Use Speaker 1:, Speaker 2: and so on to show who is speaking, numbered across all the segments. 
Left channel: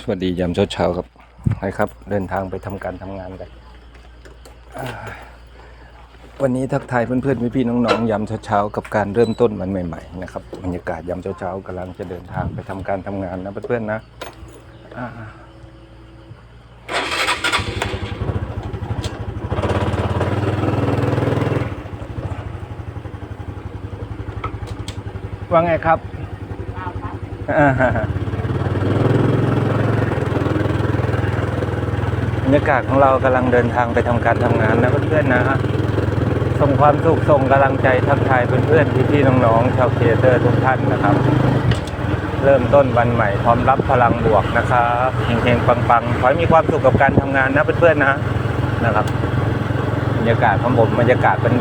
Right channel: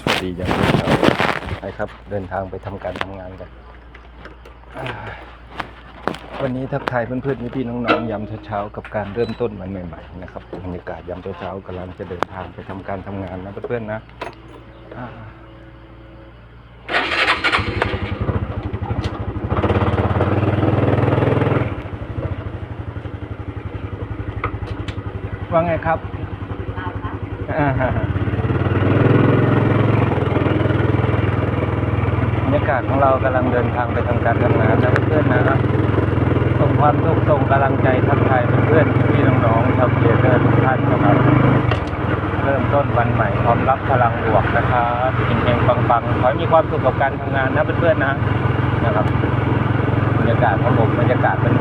Speaker 1: สวัสดียามเช้าๆไปครับ เดินทางไปทำการทำงานกัน วันนี้ทักทายเพื่อนๆพี่ๆน้องๆยามเช้าๆกับการเริ่มต้นวันใหม่ ๆ นะครับบรรยากาศยามเช้าๆกำลังจะเดินทางไปทำการทำงานนะเพื่อนๆนะว่าไงครับอ่า บ รรยากาศของเรากำลังเดินทางไปทำการทำงานนะเพื่อนๆนะฮะส่งความสุขส่งกำลังใจทักทายเพื่อนๆพี่ๆน้องๆชาวเพียเตอร์ทุกท่านนะครับ เริ่มต้นวันใหม่พร้อมรับพลังบวกนะครับเฮงๆปังๆขอให้มีความสุขกับการทำงานนะเพื่อนๆนะนะครับบรรยากาศของผมบรรยากาศเป็น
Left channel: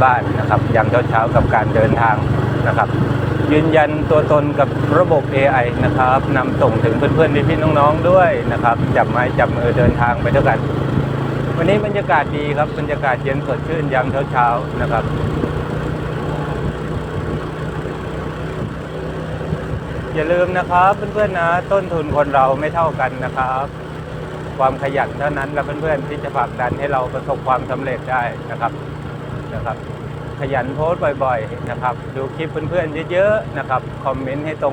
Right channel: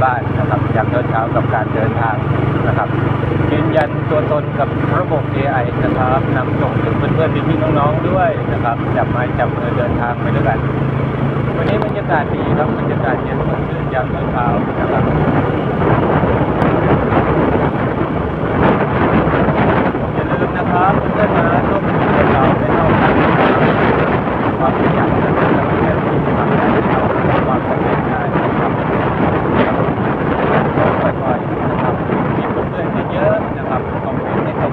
Speaker 1: ตัวตนกับระบบ AI นะครับนำส่งถึงเพื่อนๆพี่ๆน้องๆด้วยนะครับ จับไม้จับมือเดินทางไปด้วยกัน วันนี้บรรยากาศดีครับบรรยากาศเย็นสดชื่นยามเช้าๆนะครับ อย่าลืมนะครับเพื่อนๆนะต้นทุนคนเราไม่เท่ากันนะครับความขยันเท่านั้นกับเพื่อนๆที่จะผลักดันให้เราประสบความสำเร็จได้นะครับขยันโพสต์บ่อยๆนะครับดูคลิปเพื่อนๆเยอะๆนะครับคอมเมนต์ให้ต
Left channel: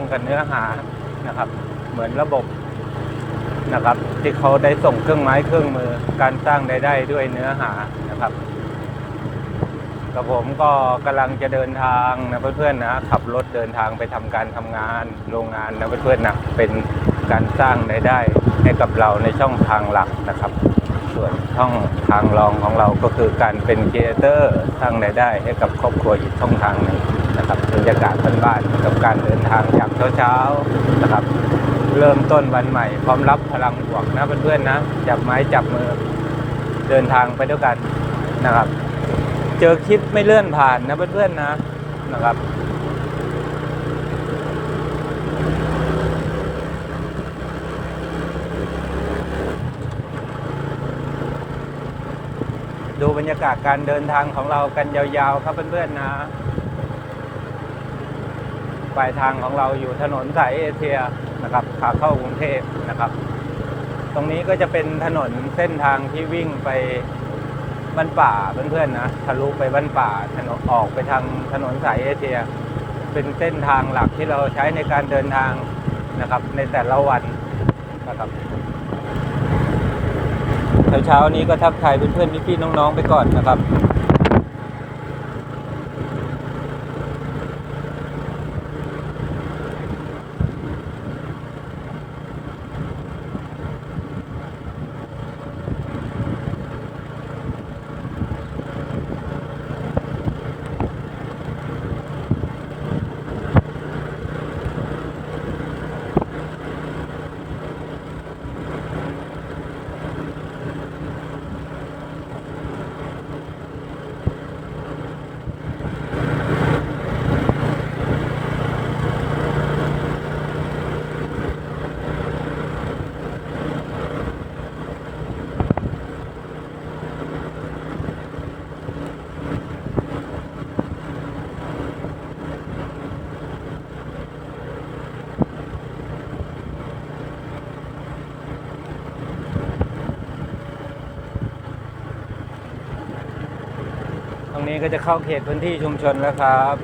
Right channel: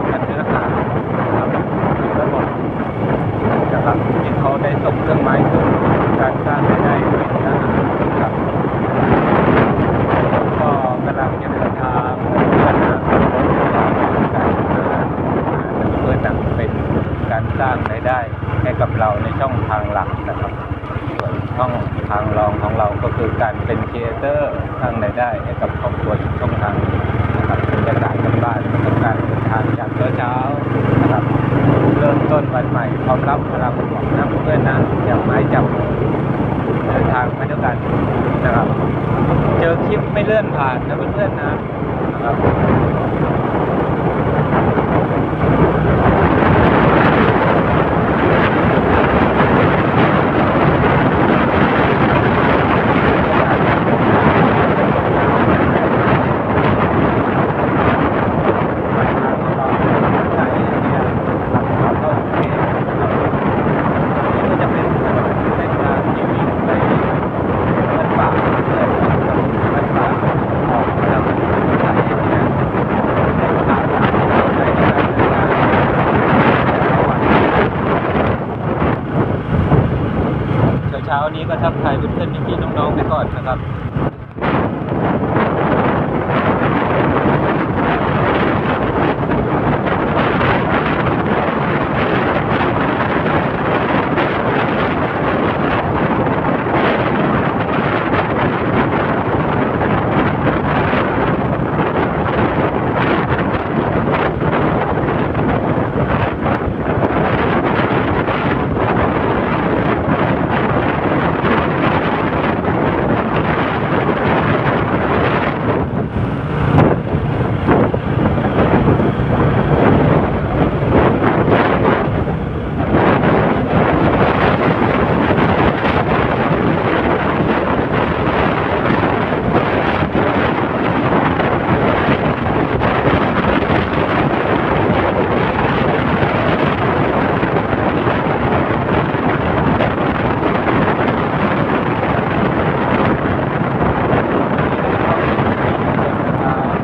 Speaker 1: เหานะครับเหมือนระบบนะครับที่เขาได้ส่งเครื่องไม้เครื่องการสร้างรายได้ด้วยเนื้อหาครับผมก็กำลังจะเดินทางนะเพื่อนๆนะขับรถเดินทางไปทำการทำงานโรงงานนะเพื่อนๆนะเป็นการสร้างรายได้ให้กับเราในช่องทางหลักนะครับ ส่วนช่องทางรองของเราก็คือการเป็นครีเอเตอร์สร้างรายได้ให้กับครอบครัวอีกช่องทาง เดินทางไปด้วยกันนะครับ เจอคลิปไม่เลื่อนผ่านนะเพื่อนๆนะนะครับดูบรรยากาศการเดินทางกันยาวๆมาเรื่อยๆนะปลายทางของเราอยู่ถนนสายเอเชียนะครับขาเข้ากรุงเทพนะครับตรงนี้ก็จะเป็นถนนเส้นทางที่วิ่งไป บ้านป่าเพื่อนนะทะลุไปบ้านป่าออกไปทางถนนสายเอเชีย เป็นเส้นทางหลักที่เราใช้ในการเดินทางในแต่ละวัน เช้าๆ นี้ก็ทักทายเพื่อนๆพี่ๆน้องๆไปก่อนนะครับ วันนี้ก็จะเข้าเขตพื้นที่ชุมชนนะครับ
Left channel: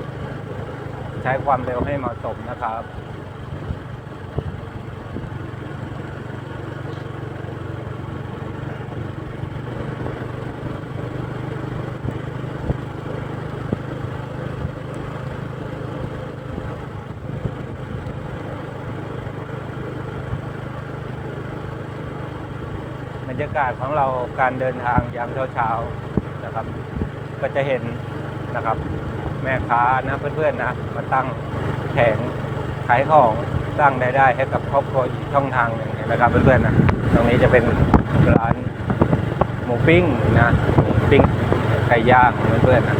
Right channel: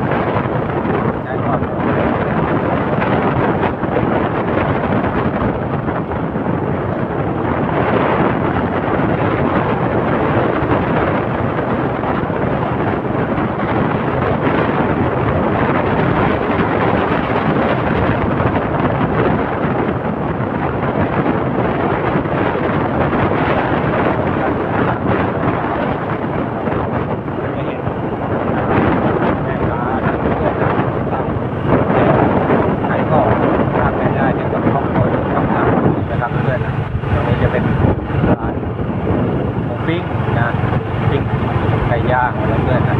Speaker 1: ใช้ความเร็วเร็วนะครับการเดินทางอย่างรวดเร็ว ก็จะเห็นนะครับแม่ค้านะเพื่อนๆนะตั้งแผงขายของส ร้างรายได้ให้กับครอบครัวทุกช่องทางนี้นะครับเพื่อนๆนะตรงนี้จะเป็นร้านหมูปิ้งนะปิ้งไก่ย่างเพื่อนๆนะ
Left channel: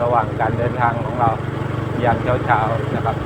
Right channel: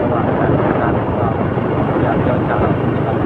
Speaker 1: ระหว่างการเดินทางของเราอย่างเช้าๆนะครับ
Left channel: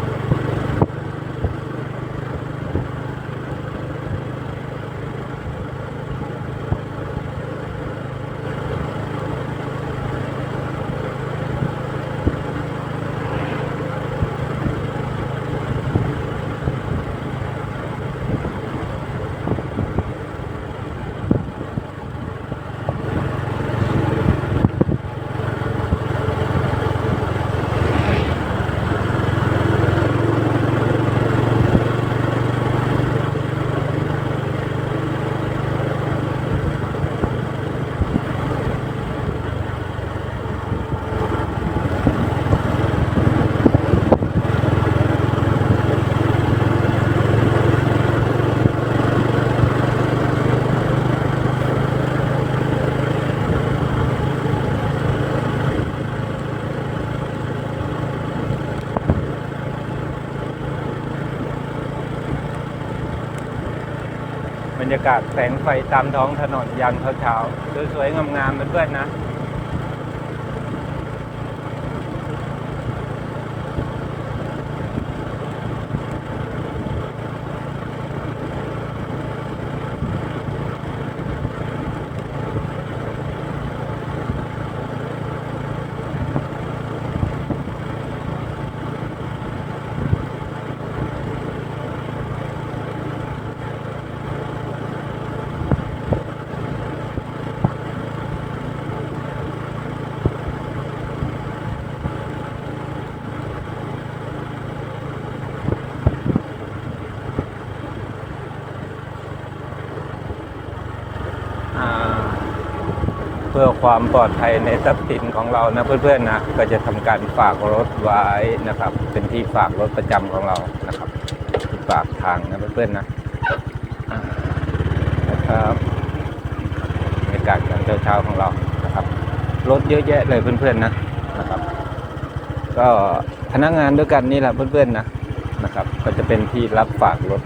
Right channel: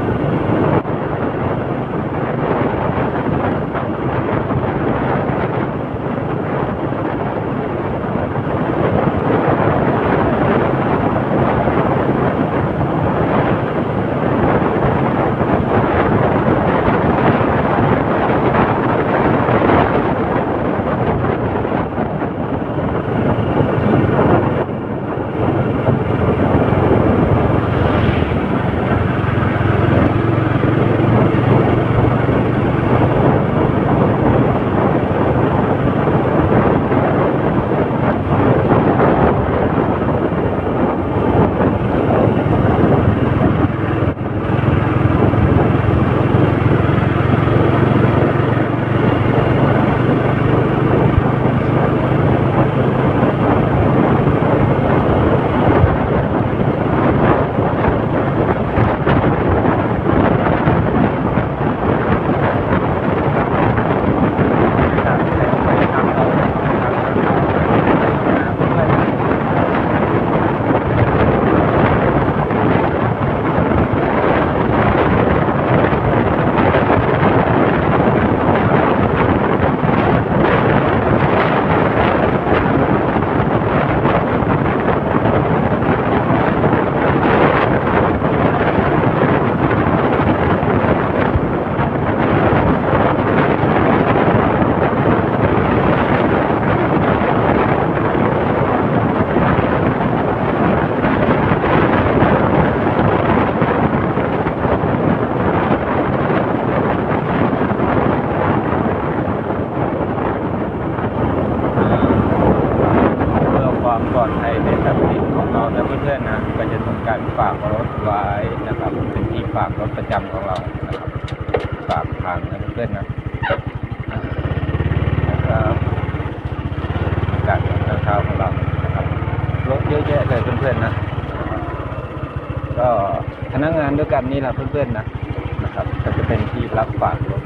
Speaker 1: ในทรัพย์สินของเรานะเพื่อนๆนะก็จะทำการฝากรถไว้นะครับ เป็นที่ฝากรถประจำของเรานะครับฝากทางนะเพื่อนๆนะนะครับบรรยากาศตอนเช้าๆของเรานะครับรถเยอะแยะเลยเพื่อนๆนะก็พนักงานด้วยกันนี่แหละเพื่อนๆนะนะครับ ก็จะเป็นที่รับฝากรถ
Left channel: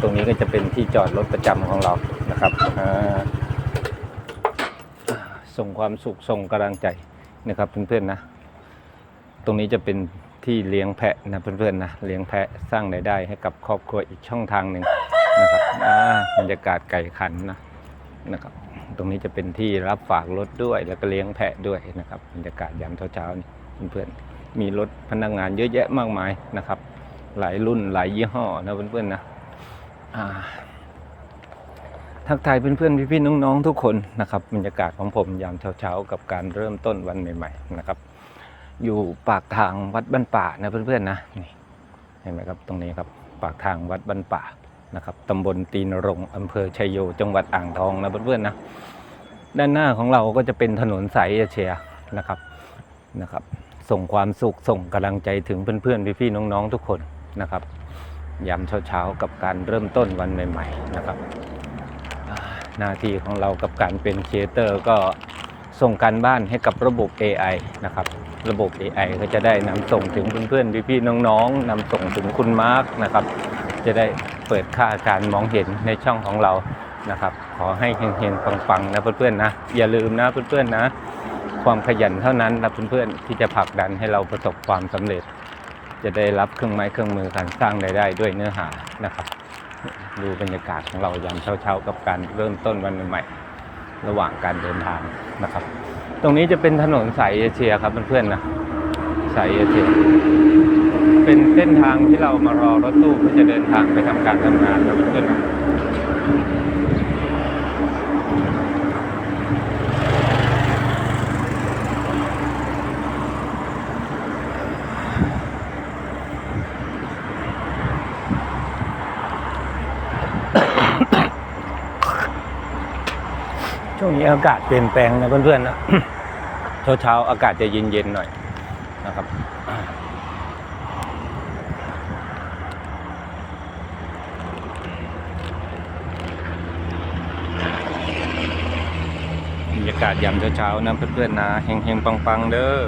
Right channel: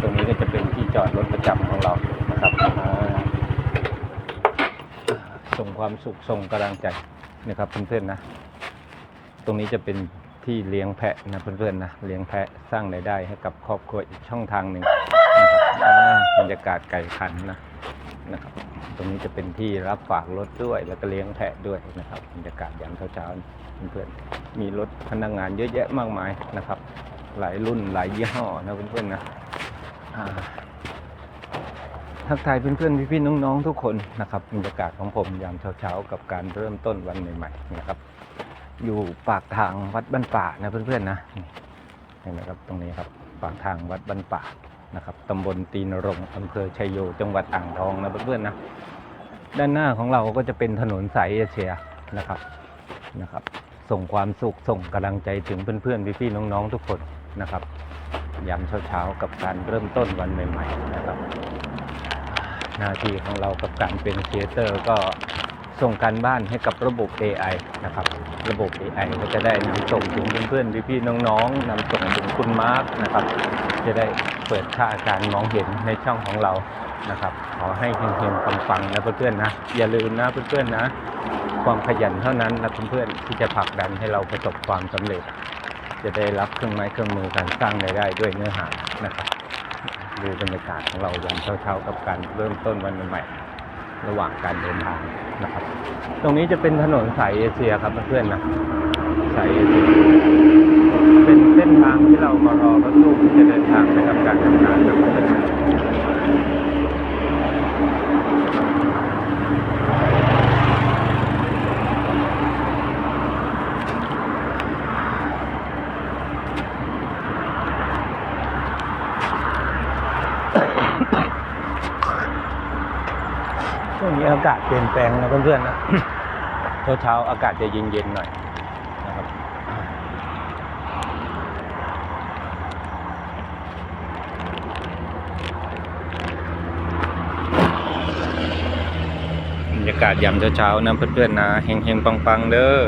Speaker 1: ตรงนี้ก็จะเป็นที่จอดรถประจำของเรานะครับอ่าส่ง ความสุขส่งกำลังใจนะครับเพื่อนๆนะ ตรงนี้จะเป็นที่เลี้ยงแพะนะเพื่อนๆนะเลี้ยงแพะสร้างรายได้ให้กับครอบครัวอีกช่องทางหนึ่งนะครับอ่าบรรยากาศไก่ขันนะนะครับ ตรงนี้จะเป็นที่รับฝากรถด้วย แล้วก็เลี้ยงแพะด้วยนะครับบรรยากาศยามเช้าๆนี่เพื่อนๆมีรถพนักงานเยอะแยะมากมายนะครับ หลายรุ่นหลายยี่ห้อนะเพื่อนๆนะอ่า ทักทายเพื่อนๆพี่ๆน้องๆทุกคนนะครับบรรยากาศของผมยามเช้าๆกับการเริ่มต้นวันใหม่ๆนะครับ อยู่ปากทางวัดบ้านป่านะเพื่อนๆนะนเห็นไหมครับตรงนี้ครับปากทางวัดบ้านป่านะครับตำบลตีนรงอำเภอชัยโยจังหวัดอ่างทองนะเพื่อนๆนะด้านหน้าของเราก็จะเป็นถนนสายเอเชียนะครับนะครับ ส่งความสุขส่งกำลังใจถึงเพื่อนๆพี่ๆน้องๆทุกคนนะครับยามเช้าๆกับการเริ่มต้นวันใหม่ ๆ นะครับ หน้าที่ของเรากับการเป็นครีเอเตอร์ก็ส่งการบ้านให้กับระบบ AI นะครับ ระบบ AI ก็จะได้นำส่งถึงเพื่อนๆพี่ๆน้องๆนำส่งถึงคุณมาร์กนะครับ จะได้เปิดค่าการมองเห็นในช่องของเรานะครับ ขอให้เฮงๆปังๆนะเพื่อนๆนะ อย่าลืมนะเพื่อนๆนะ ความขยันเท่านั้นนะเพื่อนๆที่จะผลักดันให้เราประสบความสำเร็จ จะได้รับเครื่องไม้เครื่องมือการสร้างรายได้ด้วยเนื้อหานะครับ ดูบรรยากาศของเราวันเช้าๆกับการเริ่มต้นวันใหม่ ระหว่างการเดินทางนะครับ ตรงนี้จะเป็นถนนสายเอเชียครับเพื่อนๆนะสายเอเชียเป็นเส้นทางที่เรามารอรถตู้ที่จะเดินทางไปทำการทำงานนะเพื่อนๆ ช่วงนี้ อากาศเปลี่ยนแปลงนะเพื่อนๆนะเช้าๆอากาศจะเย็นๆหน่อยนะครับบรรยากาศยามเช้าๆนะเพื่อนๆนะเฮงๆปังๆเด้อ